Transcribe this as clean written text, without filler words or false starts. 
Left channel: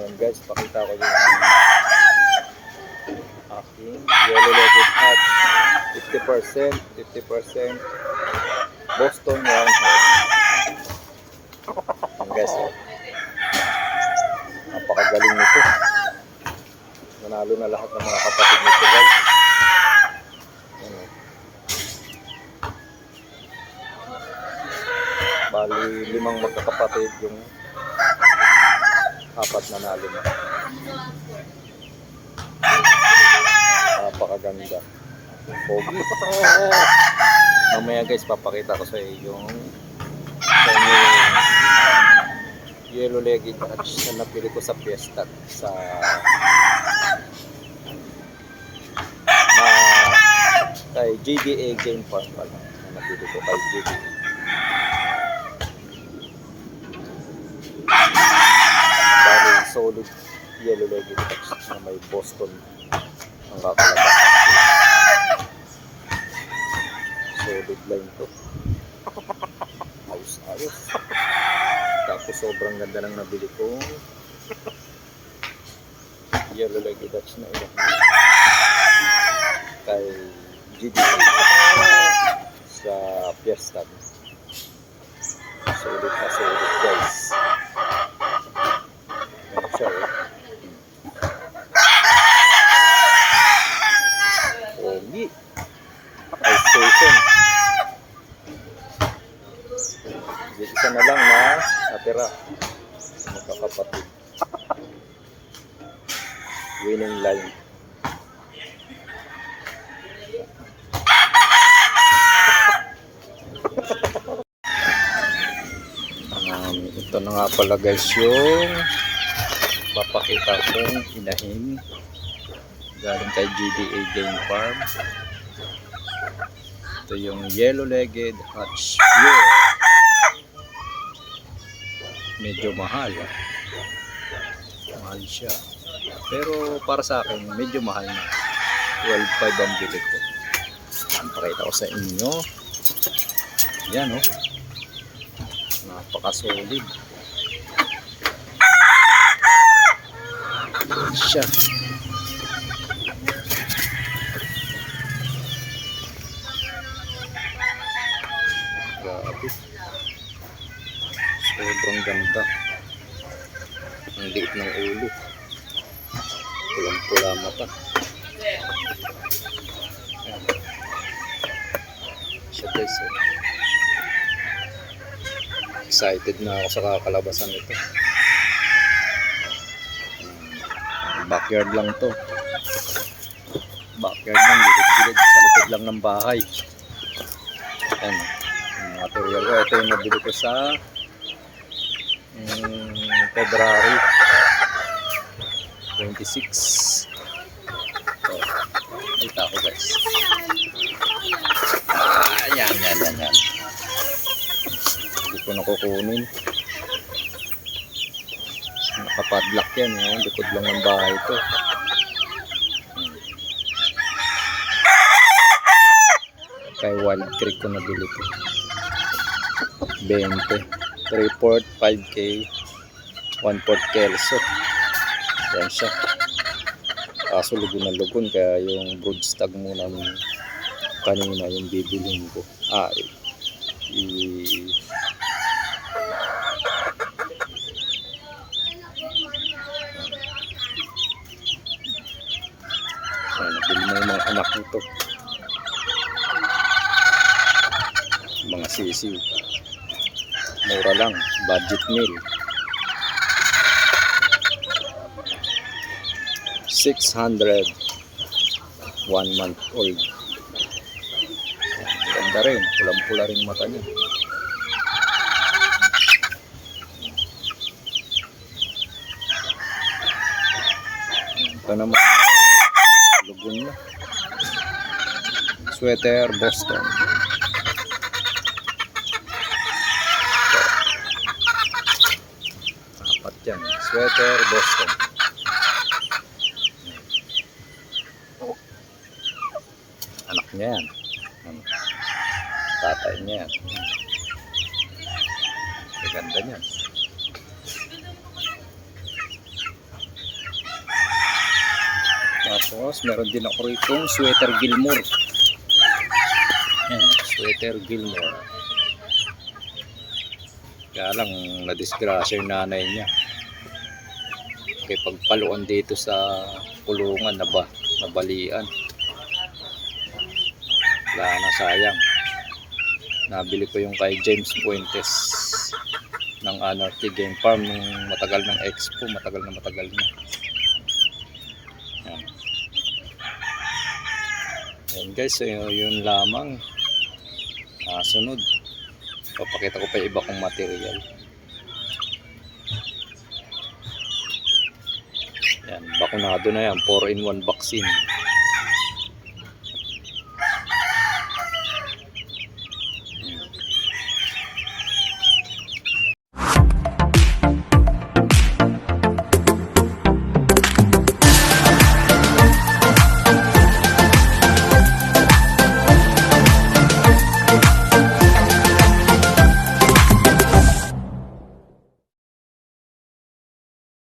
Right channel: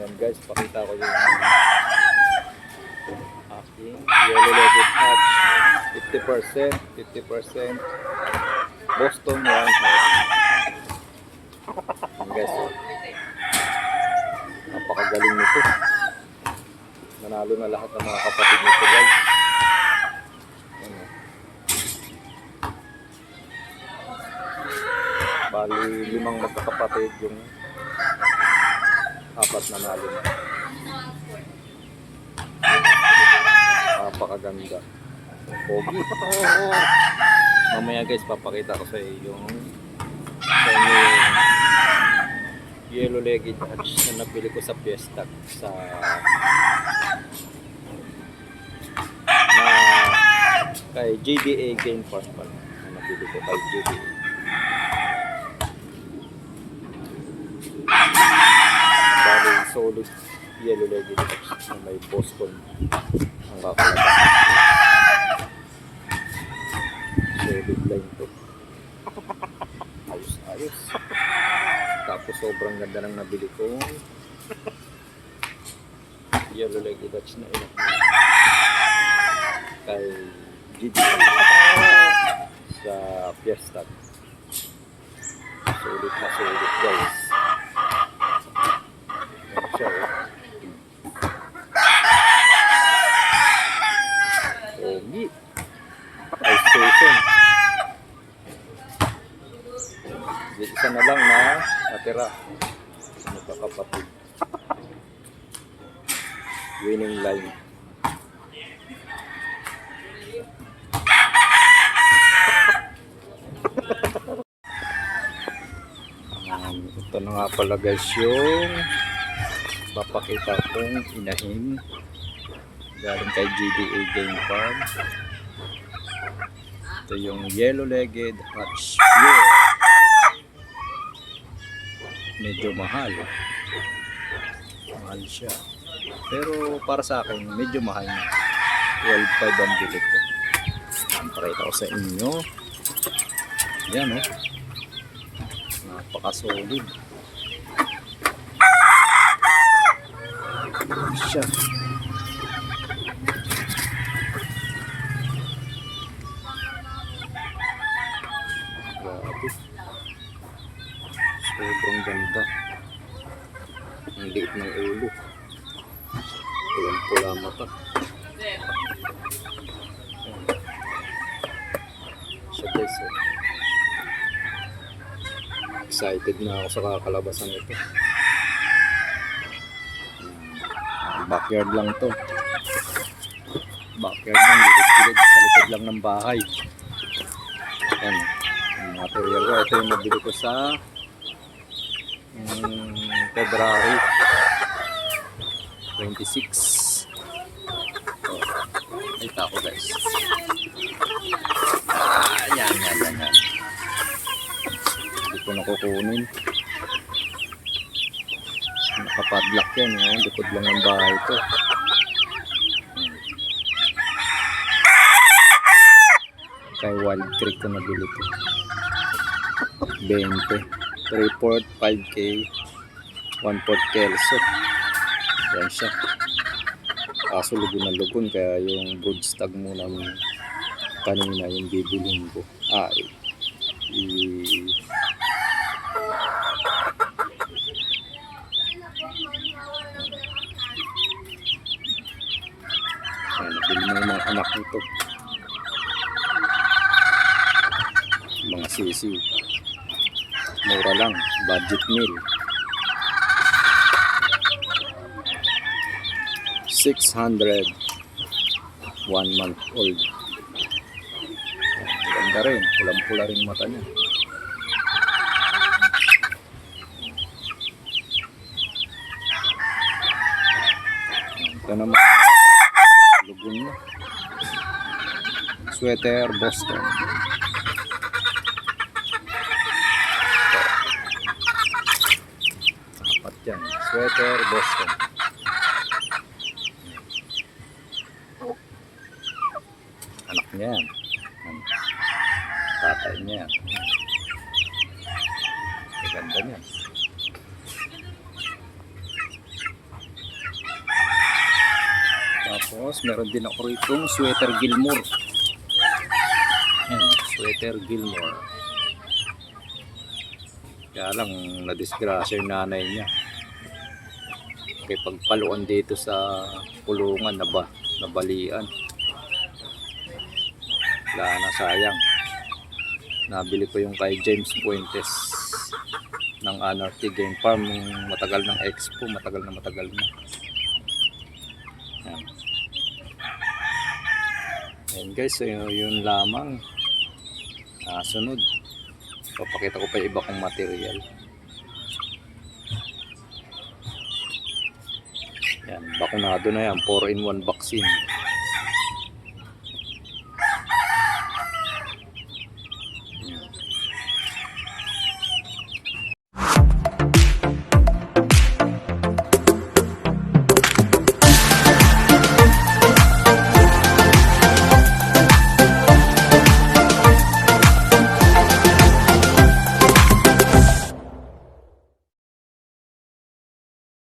Ayan guys, pakita ko yung aking yellow-legged hatch. 50%, 50% Boston Roundhead. Ayan guys, oh. Napakagaling nito. Nanalo na lahat ng mga kapatid nito guys. Ayan, oh. Bali 5 magkakapatid, yung 4 nanalo na. Napakaganda. Pogi. Mamaya guys, papakita ko sa inyo yung yellow-legged hatch na napili ko sa Fiesta sa kay JDA Game Farm pala na napili ko kay JDA. Bali solid yellow-legged hatch na may Boston ang kakalabasan. Solid line to. Ayos. Tapos sobrang ganda ng nabili ko yellow-legged hatch na ilan kay JDA sa Fiesta. Solid na solid guys. Yan siya, oh. Pogi. Ice station. Isa na lang na natira sa magkakapatid. Winning line. Ito na nga pala guys yung papakita kong inahin galing kay JDA Game Farm. Ito yung yellow-legged hatch pure. Medyo mahal. Mahal siya. Pero para sa akin medyo mahal na. 12.5 ang bili ko. Pakita ko sa inyo. Yan, oh. Napaka-solid. Siya. Grabe. Sobrang ganda. Ang liit ng ulo. Pulang-pula mata. Ayan. Siya guys, oh. Excited na ako sa kakalabasan nito. Backyard lang to. Backyard lang, gilid-gilid sa likod lang ng bahay. Ayan, yung material ko. Ito yung nabili ko sa February 26. So, kita ko guys. Yan. Hindi ko na kukunin. Nakapadlock yan, oh. Likod lang ng bahay ito. Kay Wild Creek ko nabili ito. 20. 3/4, 5K, 1/4 kelso. Yan siya. Kaso lugon na lugon, kaya yung broodstag muna kanina yung bibilhin ko. Nabili mo yung mga anak nito, mga sisiw. Mura lang, budget meal. 600, 1 month old. Ganda rin, pulang-pula rin mata niya. Ito naman, lugon na. Sweater Boston. Apat yan, sweater Boston. Anak niya yan. Tatay niya yan. Ganda niyan. Tapos meron din ako ritong sweater Gilmore. Yan, sweater Gilmore. Kaya lang nadisgrasya yung nanay niya. Kaya pagpaluan dito sa kulungan nabalian. Wala na, sayang. Nabili ko yung kay James Puentes ng Anarchy Game Farm nung matagal ng expo, matagal na. Yan. Ayan guys, so yun lamang. Sunod, papakita ko pa iba kong material. Yan, bakunado na yan, 4-in-1 vaccine.